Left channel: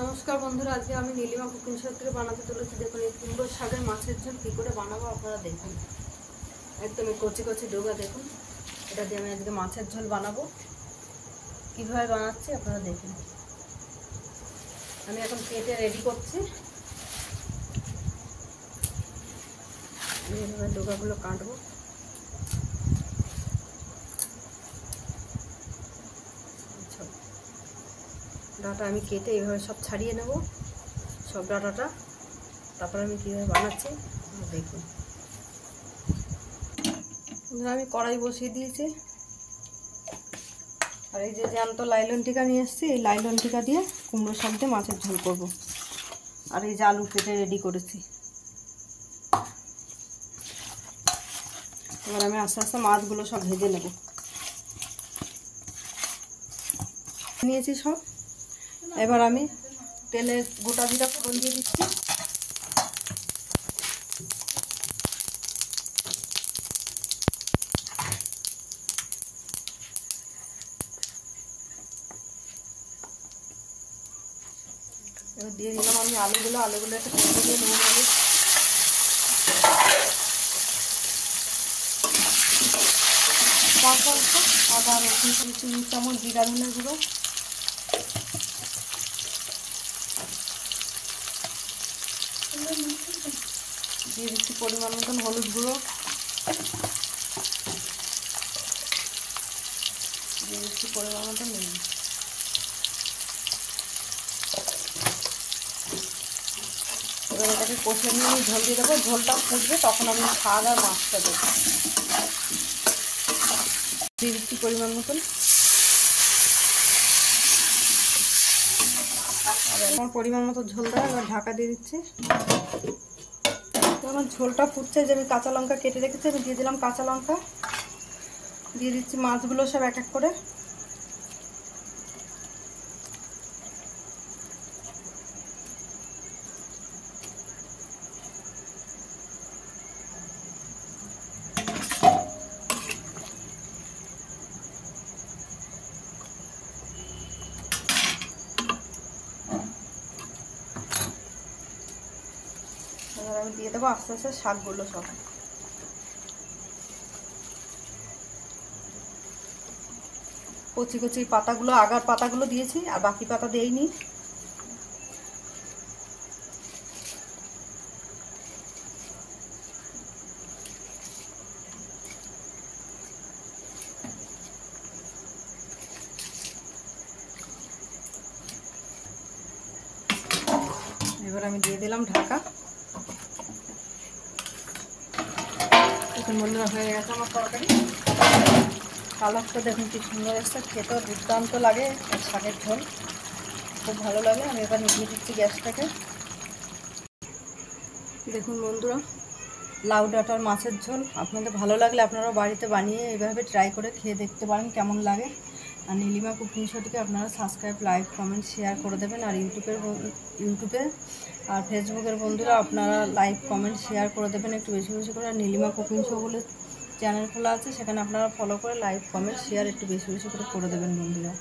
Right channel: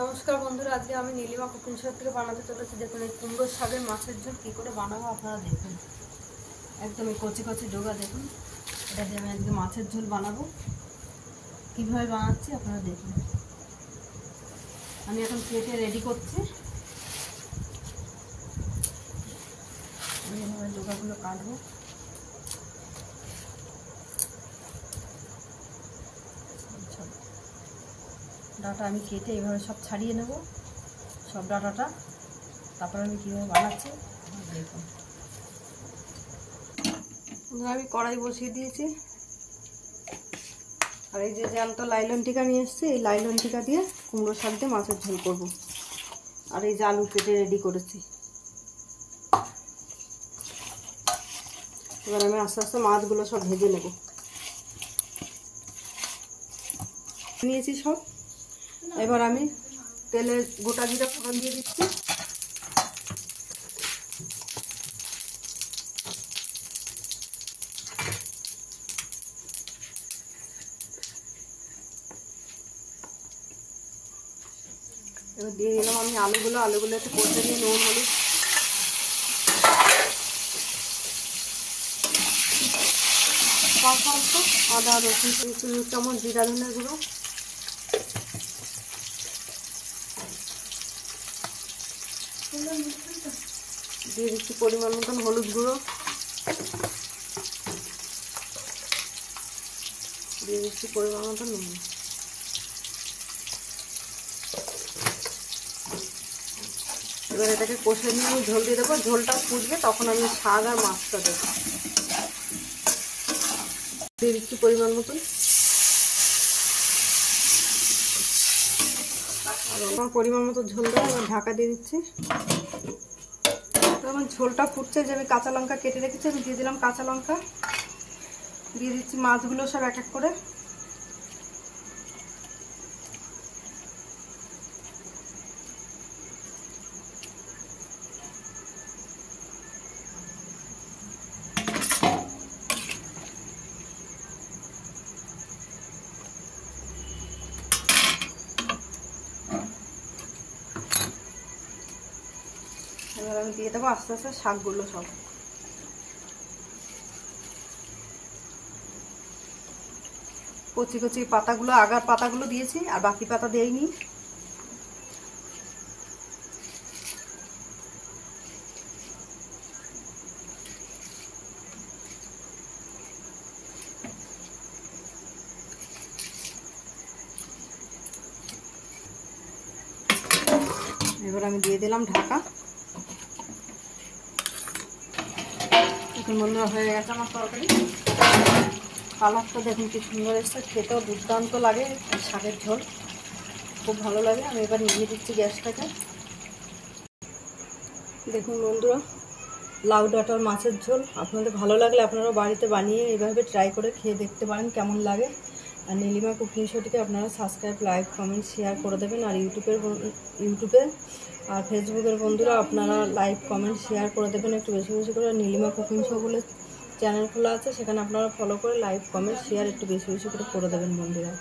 নমস্কার বন্ধুরা, আজকে আমি নীলিমা কুকিং শো থেকে বানাতে চলেছি। দেখুন এই কুমড়ো শাকের মাছের ঝোল কী করে বানাবো আপনারা দেখুন। একদম এই কচি কচি ডোগা দেখুন, এটা দিয়ে আমি আজকে মাছের ঝোল বানাবো। কীভাবে বানাচ্ছি আপনারা দেখুন। আমি এখন কেটে রেডি করছি। আমি এভাবে ডোগাগুলো কাটবো। ডাটা আমি কেটে এইভাবে সব ছাড়িয়ে নেব, সব ডাটাটা। তারপর আমি কীভাবে বানাচ্ছি দেখুন। আমি কড়াই বসিয়ে দিয়েছি, আর এই যে জ্যান্ত লাইলন টিকা নিয়ে এসেছি, এই লাইলন টিকা দিয়ে কুমড়ো শাক দিয়ে মাছের ঝোল করবো। আর এই যে আলু কেটে রেডি করেছি। এবার আমি আস্তে আস্তে মাছগুলো সব ভেজে নেব। নিয়েছি সব। এবার আমি তেলে গোটা জিরা ফোড়ন দিয়ে দিচ্ছি। এবার দিয়ে দিলাম আমি আলুগুলো একটু কষে দিয়ে নুন হলুদ, আদা রসুন 2 চামচ জিরা ধনের গুঁড়ো, দিয়ে দিচ্ছি পরিমাণ মতন হলুদ গুঁড়ো, দিয়ে দিচ্ছি পরিমাণ মতন নুন। এবার এটাকে কষে নিয়ে আমি ঝোল দিয়ে দেবো। ঝোলটা ফুটবে তখন আমি শাক আর মাছটা দেবো। দিয়ে দিচ্ছি পরিমাণ মতন। আর আমার পরিমাণ মতো ঝোল দেওয়া। এবার ঢাকা দিয়ে দিচ্ছি। তো আমার ঝোলটা ফুটছে, যে আমি কাঁচা লঙ্কা কেটে রেখেছি, আমি দিয়ে দিলাম কাঁচা লঙ্কা। দিয়ে দিচ্ছি মাছগুলো সব এক এক করে। এবার আমি দিয়ে দেবো আস্তে আস্তে শাকগুলো সব। কচি কচি পাতাগুলো, আগার পাতাগুলো দিয়েছি, আর বাকি পাতা দেইনি। এবার আমি দিয়ে দিলাম ঢাকা। এখন বন্ধুরা হয়ে গেছে আমার তরকারি। কালারটা দেখুন কি সুন্দর এসছে, খেতেও দুর্দান্ত লাগে। শাকের ঝোল খুব ভালো লাগে। আমি এবার নিভিয়ে দিচ্ছি গ্যাসটাকে। দেখুন বন্ধুরা, লাউ ডাঁটার মাছের ঝোল আপনাদের ভালো লাগলে আপনারা বাড়িতে বানিয়ে এইভাবে ট্রাই করে খেয়ে দেখতে পারেন কেমন লাগে। আর নীলিমা কুকিং শোটিকে আপনারা সাবস্ক্রাইব, লাইক, কমেন্ট, শেয়ার করে দেবেন। আর ইউটিউবে আর ফেসবুকের বন্ধুরা আপনারা লাইক, কমেন্ট, শেয়ার করে দেবেন একটু বেশি বেশি করে। নীলিমা কুকিং শো বলে চ্যানেল খোলা আছে, সেখানে আপনারা ফলো করে লাইক, কমেন্ট, শেয়ার একটু বেশি বেশি করে দেবেন বন্ধুরা।